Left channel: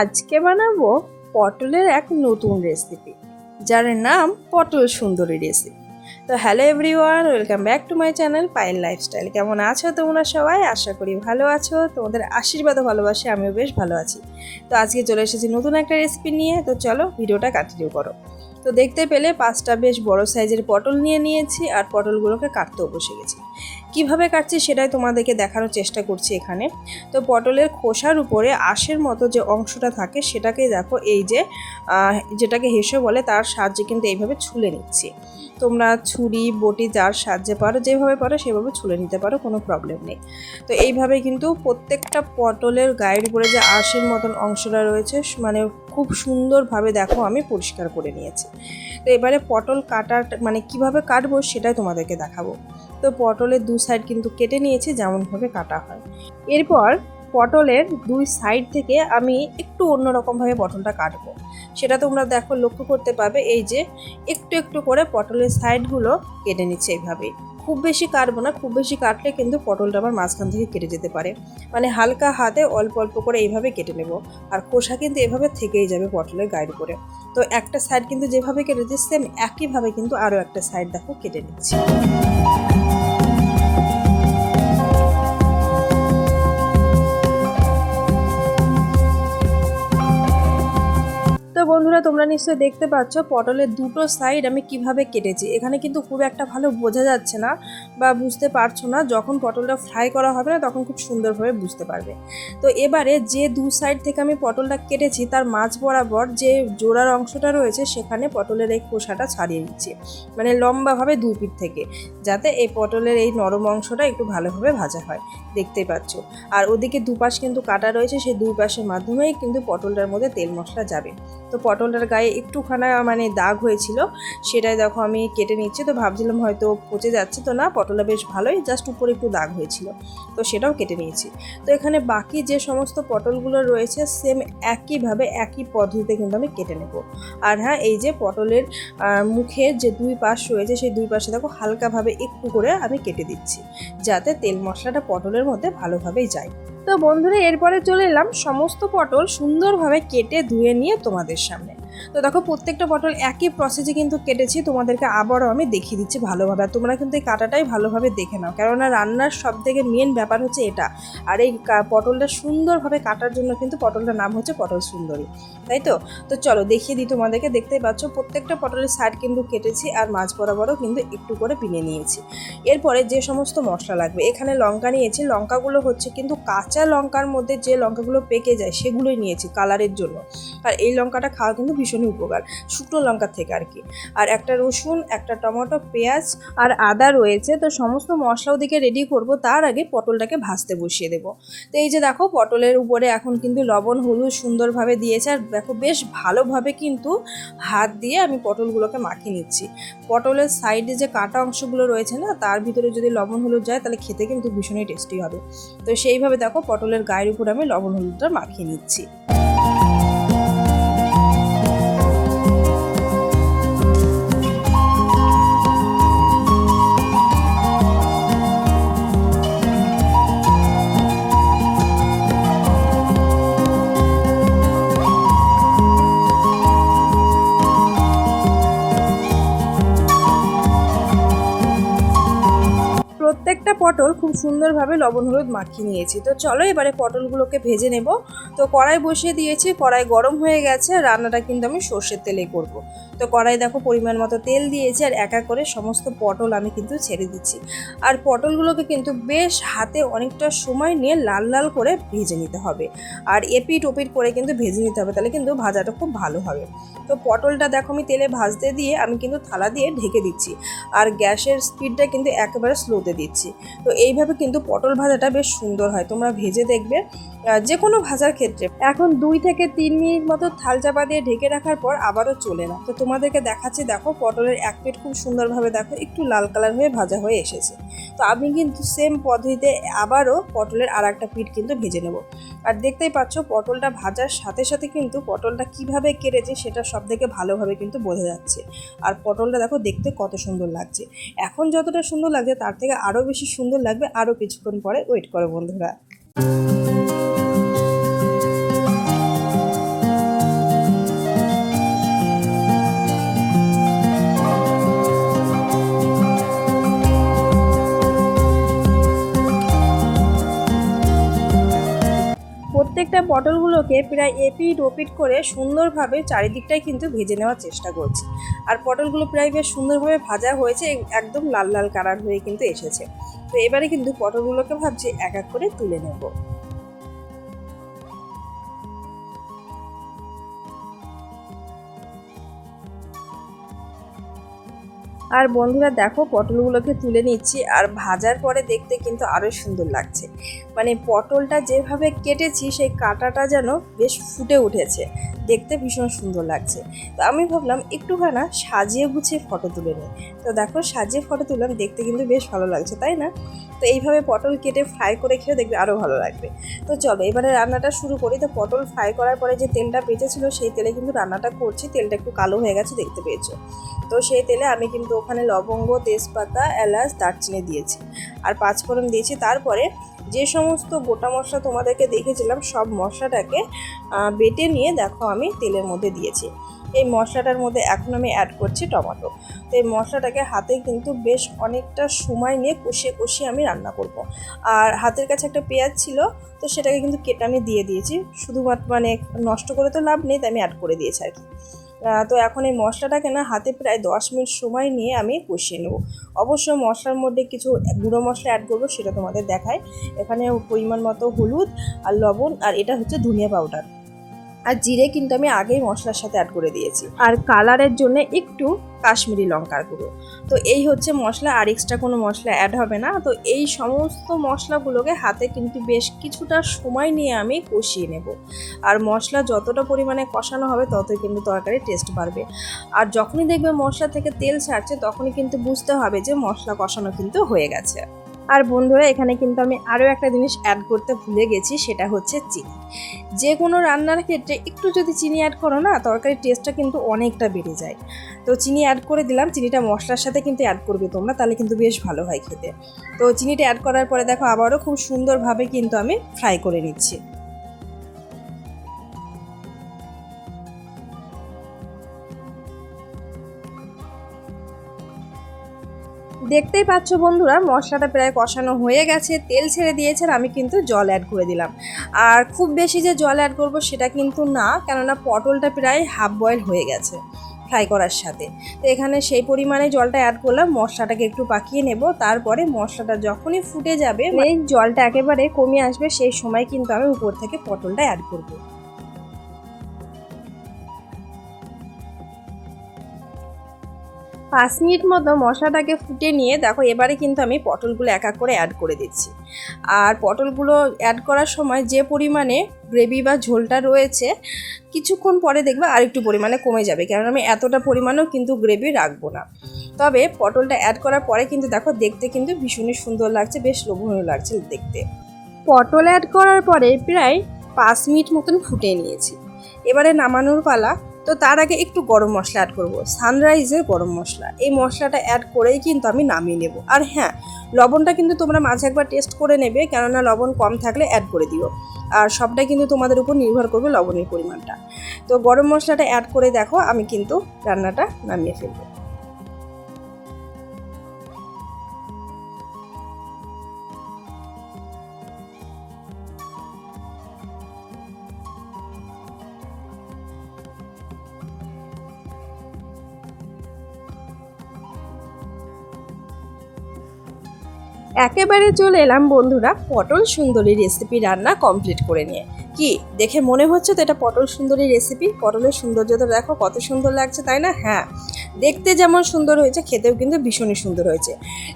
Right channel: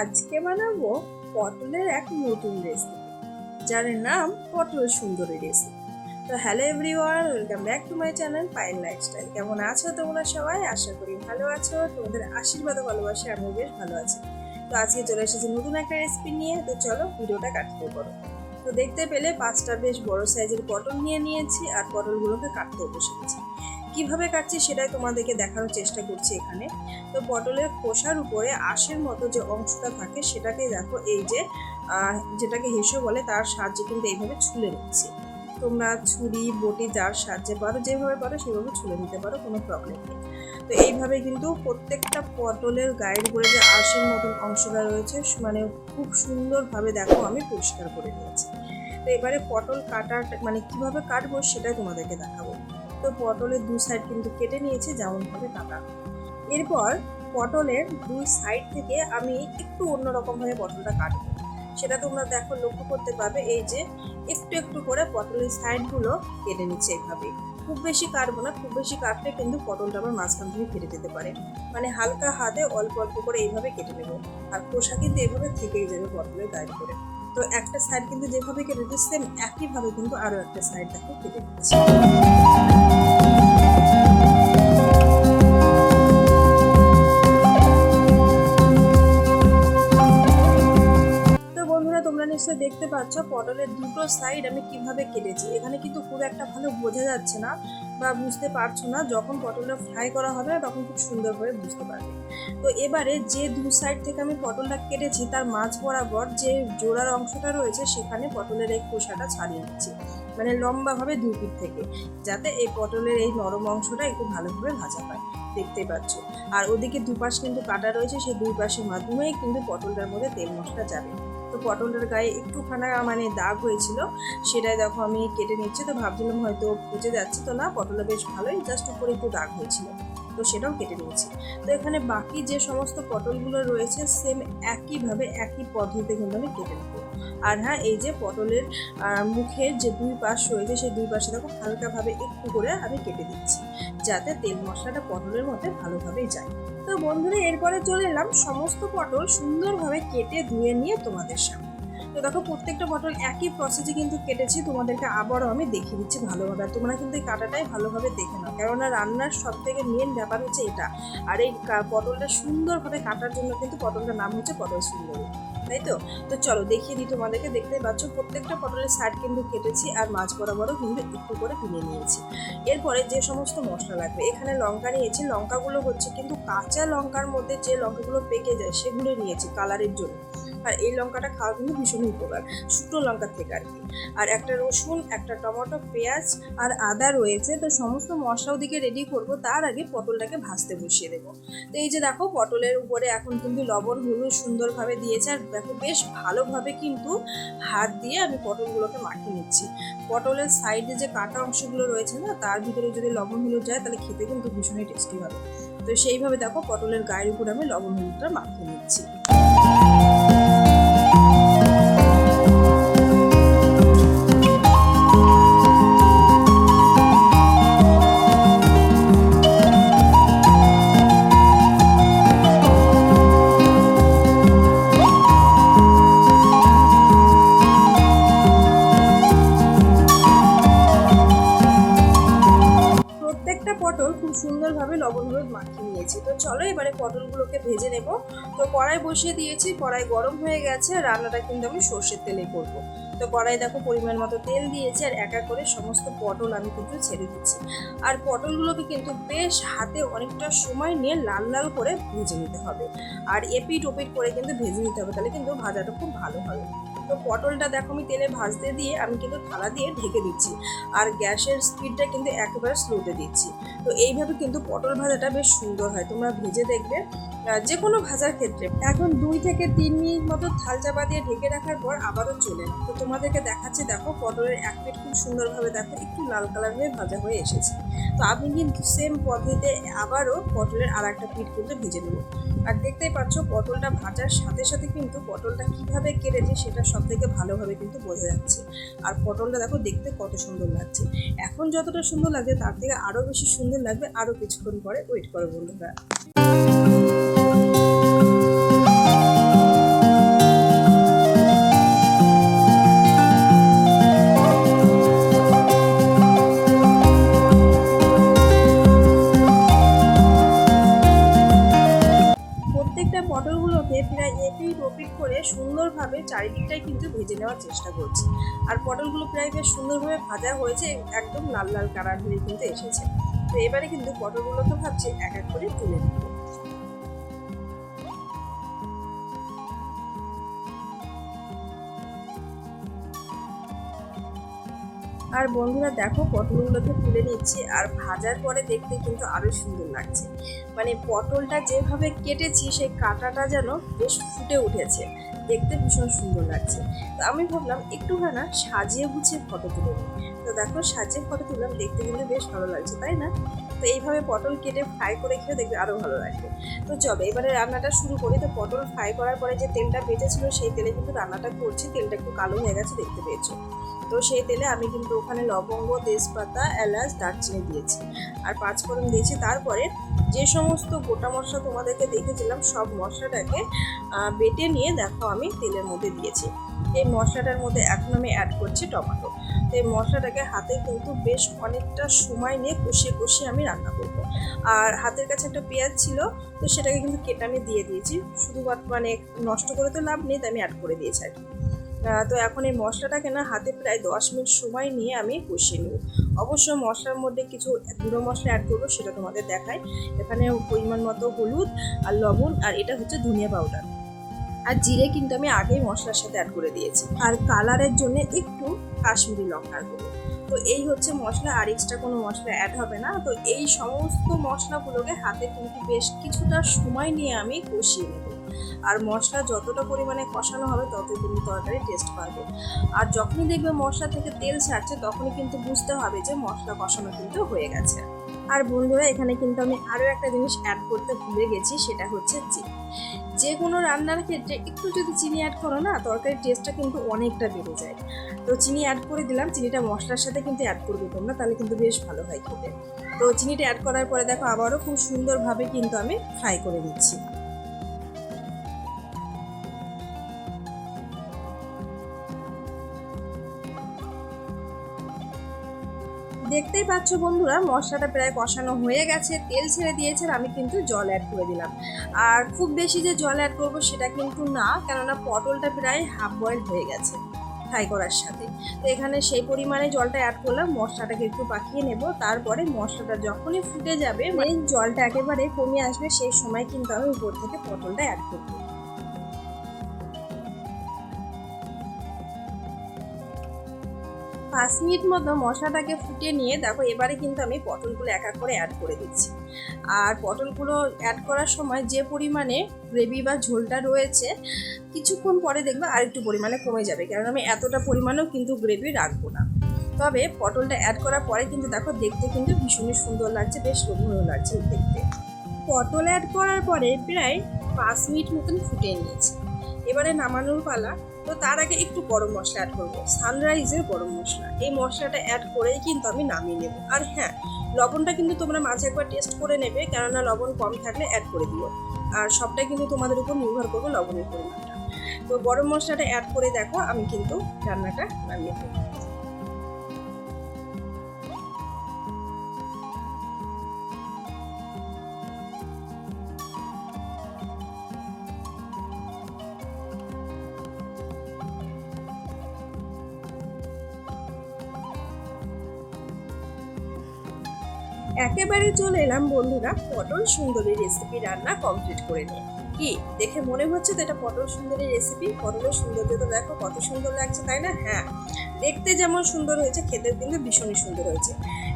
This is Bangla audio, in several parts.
আজকে বানাবো পটলের এক নতুন রেসিপি যার নাম পটল সুন্দরী রেসিপি তো hello everyone welcome back to my channel pile lifestyle কেমন আছো তোমরা সবাই? আশা করি ভালো আছো। তোমাদের আশীর্বাদ ভালোবাসে আমিও বেশ ভালো আছি। তো আজকে চলে এসেছি নতুন একটা রেসিপি নিয়ে। তো চলো ভিডিওটা কন্টিনিউ করো। তো দেখতে পেলে পাঁচটা বেশ বড় সাইজের পটল নিয়ে নিয়েছি, আর পটলগুলোকে কাটতেও বসে গেছি। কীভাবে কাটছি সেটাই তোমাদেরকে দেখানোর চেষ্টা করছি এখানে। তো পটলের খোসার উপরে আঁশের মতো যে অংশটা থাকে সেটাকে দেখো, এই যে যেটাকে হেসে বলে তার সাহায্যে কিন্তু এইভাবে ছুলে নিচ্ছি। তোমরা ছুরি, বটি যার সাহায্যে পারো, যেভাবে পারো সেভাবে ছুলে নিতে পারো, কোনো প্রবলেম নেই। তো এইভাবে কিন্তু প্রত্যেকটা পটলের গায়ের উপরে যে আঁশের মতন অংশটা রয়েছে মানে খুব সুন্দরভাবে দেখো আমি পরিষ্কার করে নিয়েছি। তো এবারে পটল কাটার মানে কীভাবে কাটবো সেটাই তোমাদেরকে দেখাবো। তো পটলের দু সাইড কিন্তু কেটে নিয়েছি, যেমনভাবে কাটা হয়। এরপর পটলের দুই সাইড থেকে আমি একটু অন্যরকমভাবে পটলটা কাটবো। সেটা তোমরা দেখো, লক্ষ্য করতে পারবে, এই যে একটু একটু করে পটলের সাইডগুলো কেটে নিচ্ছে এইভাবে খুব বেশি কাটবো না, খুব বেশি কাটলে কিন্তু পটলটা আমার মাঝখান থেকে কেটে যেতে পারে। মানে হালকা হাতে অল্প অল্প করে এইভাবে কেটে নেব, আর খোসা কিন্তু এভাবে থেকেই যাবে পটলের গায়ের উপরে। তো একটা সাইড কিন্তু যেভাবে কেটে কেটেছি সেম একইভাবে কিন্তু আরও একটা সাইড দেখো কেটে নিচ্ছি। নিশ্চয়ই দেখতে পাচ্ছ, পটলের দুটো সাইড আমি কীভাবে কেটেছি। এখানে কিন্তু খুব একটা ভালো বোঝা যাচ্ছে না বা বুঝতে পারছ না, যখন পটলটা ফ্রাই করা হবে না তখন খুব সুন্দরভাবে বুঝতে পারবে। তো এবারে যে দু সাইড থেকে আমি পটলটা কেটেছি, তার মাঝ বরাবর যে জোড়ার অংশটা রয়েছে, সেখানে পটলের এই খোসাটা ছাড়িয়ে নিচ্ছি মানে লম্বাভাবে দুই পিঠ থেকে, যাতে এই পটলের এই নরম অংশটা একটু ভালোভাবে ভাজা হয়। দেখতেই পাচ্ছ। আর ওদিকে দুপাশ কিন্তু কাটা রয়েছে, সেই দুই পাশের মাধ্যমেই কিন্তু পটলটার মধ্যে তেল মশলা যাবে। তো পটলটার গায়ে একটুখানা মানে দাগ হয়েছিল, সেটাই দেখো আমি কেটে নিচ্ছি। তো ভাবছিলাম হয়তো পচে যাচ্ছে তো না, পটলটা বেশ ভালোই জাস্ট উপরে একটু দাগ হয়েছিল। তো সেটাও কেটে নিয়েছি। তো এখানে বাকি যে সমস্ত পটলগুলো রয়েছে সেম একইভাবে একই পদ্ধতিতে কিন্তু আমি কেটে নেব। আর হ্যাঁ এই যে পটলের মুখের যে দুই পাশ রয়েছে, সেই দুই পাশে দেখো হালকাভাবে একটু করে আমি কেটে দিচ্ছি, যাতে তেল মশলাটা পটলের মধ্যে ভালোভাবেই যায়। তো বন্ধুরা, এরপরে চলে এলাম সমস্ত পটল সুন্দরভাবে কেটে ধুয়ে নিয়ে তোমাদের সামনে। তো দেখো, প্রত্যেকটা পটল একই প্রসেসে কিন্তু কেটেছি, তোমাদেরকে আবারও আমি দেখিয়ে দিচ্ছি ভালোভাবে। আর তোমরা কিন্তু এই কাটাটাই ভালোভাবে দেখে নাও। কেননা রান্নার সব থেকে মেন ব্যাপার হচ্ছে এটা। আর এই পটলটা সুন্দরভাবে কাটার জন্য কিন্তু পটলটার নাম হচ্ছে পটল সুন্দরী। তাই তো? তো চলো, দেখিয়ে দিই তোমাদেরকে। দেখতেই পাচ্ছ, প্রত্যেকটা পটলের সাইড কিন্তু কেটেছি আর মাছ বরাবরও কিন্তু একটু করে পিনে নিয়েছি। এরপরে যে সমস্ত মশলা লাগবে, এখানে লঙ্কা নিয়েছি। লঙ্কাগুলো হচ্ছে কিন্তু কাঁচা লঙ্কার মধ্যে যে লঙ্কাগুলো পেকে যায়, সেগুলোই নিয়েছি কালারের জন্য। আর এই লঙ্কাটা খাওয়া কিন্তু ভীষণই উপকার, শুকনো লঙ্কার থেকে আর কি। আর একটা রসুন, একটা টমেটো, পেঁয়াজ আর আদা রয়েছে, তো সমস্ত মশলা ওদিকে রেডি করব, তার আগে পটলটাকে ভাজতে বসিয়ে দেবো। তো এই যে দেখো, পটলের উপরে এখন কিন্তু লবণ, হলুদ সুন্দরভাবে দিয়েছে, আর দেখো বেশ ভালোভাবে কিন্তু হাত দিয়ে আমি পটলগুলোকে মাখিয়ে নিচ্ছি। পটলের সাইডে যে কাটা অংশগুলো রয়েছে না, তার ভিতরে যদি লবণ, হলুদ যায়, তাহলে খেতে কিন্তু ভীষণই টেস্টি হবে। তো সেইভাবে দেখো, পটলের গায়ের উপর আমি লবণ, হলুদটা মাখিয়ে নিচ্ছি। সুন্দরভাবে লবণ, হলুদ মাখিয়ে নিয়েছি। তো চলো এবারে পটলগুলোকে ভেজে নেব। তো কড়াই বসিয়ে দিয়েছি, কড়াই গরম হয়ে গেছে, রান্নাটা কিন্তু আমি সর্ষের তেলে করব। তো কড়াই দেখো পরিমাণ মতো তেল দিয়েছি আর এক এক করে সমস্ত পটল আমি কিন্তু ছেড়ে দিচ্ছি। আর পটলগুলোকে কিন্তু বেশ হাতে অনেকটা সময় নিয়ে লাল লাল করে ভেজে নিতে হবে। আর এপিট ওপিট করে কিন্তু ভেজে নিতে হবে, তাহলে কিন্তু ভাজাটা খুব ভালো হবে। তো পটলটা দেখো আমি তেলে ভাজতে দিয়ে আমি কিন্তু থালা দিয়ে ঢেকে দিচ্ছি। আর গ্যাসের স্পিডটা কিন্তু একেবারে স্লোতে দিচ্ছি। তো এইভাবে কিন্তু পটল ভাজাটা বেশ সুন্দর হয়, তোমরা ভেজে দেখবে যে কোনো ভাজার ক্ষেত্রে। এখন দুই থেকে তিন মিনিট মতো থাল চাপা দিয়ে ঢেকে রাখার পর আবারও চলে না তো তোমাদেরকে দেখাচ্ছি, দেখো পটলের এক পিঠ খুব সুন্দরভাবে দেখো একটু লাল কালার হয়ে ভাজা হয়ে এসেছে। তো আমি কিন্তু সেম পদ্ধতিতে আবারও পটলের আর একটা পিঠ কিন্তু ভেজে নেব। আর দেখতেই পাচ্ছ, পটলটা ভাজার সাথে সাথে কিন্তু পটলটা কীভাবে কেটেছে সেটা সব থেকে ভালোভাবে কিন্তু বোঝা যাচ্ছে। আর পটলটা দেখো দেখতে কত সুন্দর লাগছে। এখন যতটা সুন্দর লাগছে, তার থেকে আরও বেশি সুন্দর লাগবে আরও কিছুক্ষণ পরে ওয়েট করো বন্ধুরা। প্রত্যেকটা পটলগুলোকে প্রায় এপিট ওপিট করে সুন্দরভাবে চারিদিকটাই কিন্তু ভেজে নেওয়ার চেষ্টা করছি। আর পটলগুলো প্রায় বেশ সুন্দরভাবে ভাজা হয়েছে, একদম লাল লাল কালার হয়ে কিন্তু এসেছে। তো এবারে কিন্তু পটলগুলোকে ভাবছি এক এক করে তুলে নেব। আর বন্ধুরা দেখো, পটলগুলোকে তুলে নিচ্ছি আর ভাজার পরে দেখতে কিন্তু আরও সুন্দর লাগছে। মানে পটলটা যেভাবে কেটেছি, সেই কাঁটাটা যেন বেশ ফুটে উঠেছে। দেখতে ভীষণ সুন্দর লাগছে। তো আমি ভাবলাম একটুখানা সাজিয়ে গুছিয়ে ফটো তুলে নিই। তো দেখো সাজিয়ে ফটো তুললাম, দেখতে কিন্তু বেশ ভালো লাগছে, তাই না? তো এইভাবে পটল কেটে ফ্রাই করে খেয়ে দেখবে আরও ভালো লাগবে। তো চলো, এবারে রান্নাটা শুরু করি। তো পটল ফ্রাই করার পরে যে তেলটা বেঁচেছিল, সেই তেলে কিন্তু রান্নাটা করছি। তেলটা একটু কালো হয়ে গেছে, দেখতে পেয়েছ। তো সেই তেলে আমি কিন্তু ওখানে লবঙ্গ, তেজপাতা, এলাচ, দারচিনি দিয়েছি। আর পাঁচফোড়ন দিয়েছি। তারপরে যে সমস্ত গোটা মশলা তোমাদেরকে দেখেছিলাম, সব মশলাটাকে বেটে নিয়ে দেখো আমি তেলের মধ্যে দিয়েছি। এই মশলাটার মধ্যে এখন আমি অ্যাড করছি টমেটো। তো এই মশলাটাকে হাতে কিন্তু বেশ অনেকটা সময় নিয়ে কষিয়ে কষিয়ে আমি রান্না করব। আর হাতের কাছে একটা পেঁয়াজ ছিল, তো সেটাকে কিন্তু কেটে আমি দিয়ে দিয়েছি। শুধুমাত্র মানে নষ্ট করে তো লাভ নেই, তাই আমি অ্যাড করে দিয়েছি আর কি। তো এখন এই মশলাটাকে না হাতে প্রায় দশ মিনিট সময় নিয়ে আমি কষিয়ে নেব। অবশ্য মশলার মধ্যে কিছু গুঁড়ো মশলা অ্যাড করব, সেটা তোমাদের দেখায় এখানে পরিমাণ মতো হলুদ আর লবণ, আর এটা হচ্ছে ধনিয়া পাউডার আর জিরে কিন্তু আমি আগেই মশলার সাথে অ্যাড করে দিয়েছি। আর কালারের জন্য একটু কাশ্মীরি লঙ্কার গুঁড়ো। তো এই হচ্ছে মশলা, আর এক্সট্রা কোনো মশলা অ্যাড হবে না। তো এই সমস্ত মশলাগুলোকে হাতে কিন্তু বেশ কিছুটা সময় নিয়ে আমি কষিয়ে নেব। আর মশলা যতটা পরিমাণে কষানো হবে, ততই কিন্তু তরকারির টেস্ট বাড়বে। আর যখনই দেখবে মশলা থেকে তেল ছাড়ছে, তখনই কিন্তু বুঝতে হবে যে মশলা কষানো কিন্তু হয়ে গেছে। আর বন্ধুরা এখানে কিন্তু আমি আরও একটা জিনিস অ্যাড করতে ভুলে গেছি, সেটা হচ্ছে চিনি। যে কোনো রান্নার ক্ষেত্রে একটু যদি চিনি অ্যাড করো না, তরকারির টেস্টটা কিন্তু অনেকটা বেড়ে যায়। তো চিনি অ্যাড করে দিলাম, চিনিটা মশলার সাথে কিন্তু অ্যাড করবে তোমরা, তাহলে কিন্তু বেশ ভালো হয় খেতে। তো চিনিটা অ্যাড করার পরে দেখো, আবারও খুব সুন্দরভাবে কিন্তু আমি ফ্রাই করে নিচ্ছি। দেখতেই পাচ্ছ বন্ধুরা, মশলাটা প্রায় কষানো হয়ে গেছে, তেল ছেড়ে দিয়েছেন, আমি কিন্তু জল অ্যাড করে দিলাম। আর খুব বেশি যে জল অ্যাড করব সেটা কিন্তু না, কেননা পটলটা প্রায় হাফ বয়েল হয়ে গেছে ফ্রাই করার সাথে। তো এখানে সেই পরিমাণে জলটা অ্যাড করলাম, মশলাটাকে একটু পাকিয়ে নেব, তারপরে মশলাটা যখনই ফুটে যাবে এই জলটা একেবারে কমে আসবে, সেই সময় কিন্তু আমি উপর থেকে পটলটা অ্যাড করব। পাঁচ মিনিট মতো মশলাটাকে ফুটে নিয়ে দেখো, এবারে কিন্তু আমি পটলগুলো এক এক করে অ্যাড করে দিচ্ছি। আর পটলগুলো অ্যাড করার সময় যে পরিমাণে গ্রেভি বা ঝোলটা রয়েছে, কিছুক্ষণ পরে দেখবে আর একটু পরিমাণে কমে যাবে কারণ আমি এতটা পরিমাণেও কিন্তু গ্রেভি রাখব না। তবে পটলটা অ্যাড করার পরে কিন্তু দেখো, দেখতে কিন্তু ভীষণই সুন্দর লাগছে, বেশ লোভনীয় লাগছে দেখতে। পটল অ্যাড করার পরে প্রায় পাঁচ মিনিট মতন ফুটে নিয়েছি। এবারে নামানোর পালা তো তার আগে একটু গরম মশলা অ্যাড করব। সানরাইজের গরম মশলা। এই মশলাটা অ্যাড করেই কিন্তু আমি নামিয়ে নেব। আর হ্যাঁ লবণটা কিন্তু তোমরা মাঝে একবার টেস্ট করে নেবে, কেননা লবণ কম থাকলে অ্যাড করে দিও। আর সবটাই কিন্তু তোমাদের উপর নির্ভর করবে লবণের পরিমাণটা। তো গরম মশলাটা অ্যাড করে দেখো, আমি কিন্তু রান্নাটা নামিয়ে ফেলব। একেবারে চলে এলাম বন্ধুরা পটল সুন্দরী রেসিপি রান্না কমপ্লিট করে নিয়ে। কি? দেখে মনে হচ্ছে তো এটা পটল সুন্দরী রেসিপি পটলের সৌন্দর্যতা দেখো, কত সুন্দর লাগছে, তাই না? হ্যাঁ। দেখতে যেমন সুন্দর হয়েছে, খেতেও কিন্তু ভীষণই সুন্দর হয়েছে।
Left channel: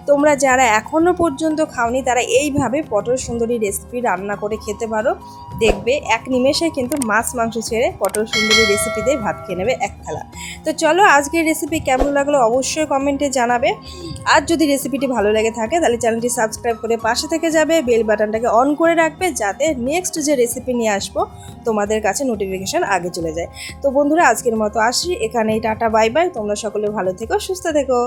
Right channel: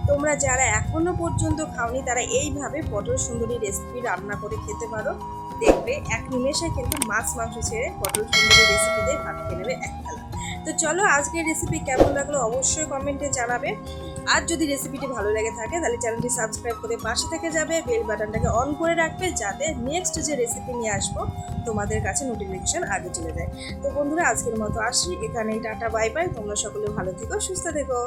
তোমরা যারা এখনও পর্যন্ত খাওনি, তারা এইভাবে পটল সুন্দরী রেসিপি রান্না করে খেতে পারো। দেখবে এক নিমেষে কিন্তু মাছ, মাংস ছেড়ে পটল সুন্দরী রেসিপি দিয়ে ভাত খেয়ে নেবে এক থালা। তো চলো, আজকের রেসিপি কেমন লাগল অবশ্যই কমেন্টে জানাবে। আর যদি রেসিপিটি ভালো লেগে থাকে, তাহলে চ্যানেলটি সাবস্ক্রাইব করে পাশে থেকে যাবে। বেল বাটনটাকে অন করে রাখবে, যাতে নেক্সট যে রেসিপি নিয়ে আসব, তোমাদের কাছে নোটিফিকেশন আগে চলে যায়। তো বন্ধুরা, আজকের মতো আসি এখানেই টাটা বাই বাই তোমরা সকলে ভালো থেকো, সুস্থ থেকো।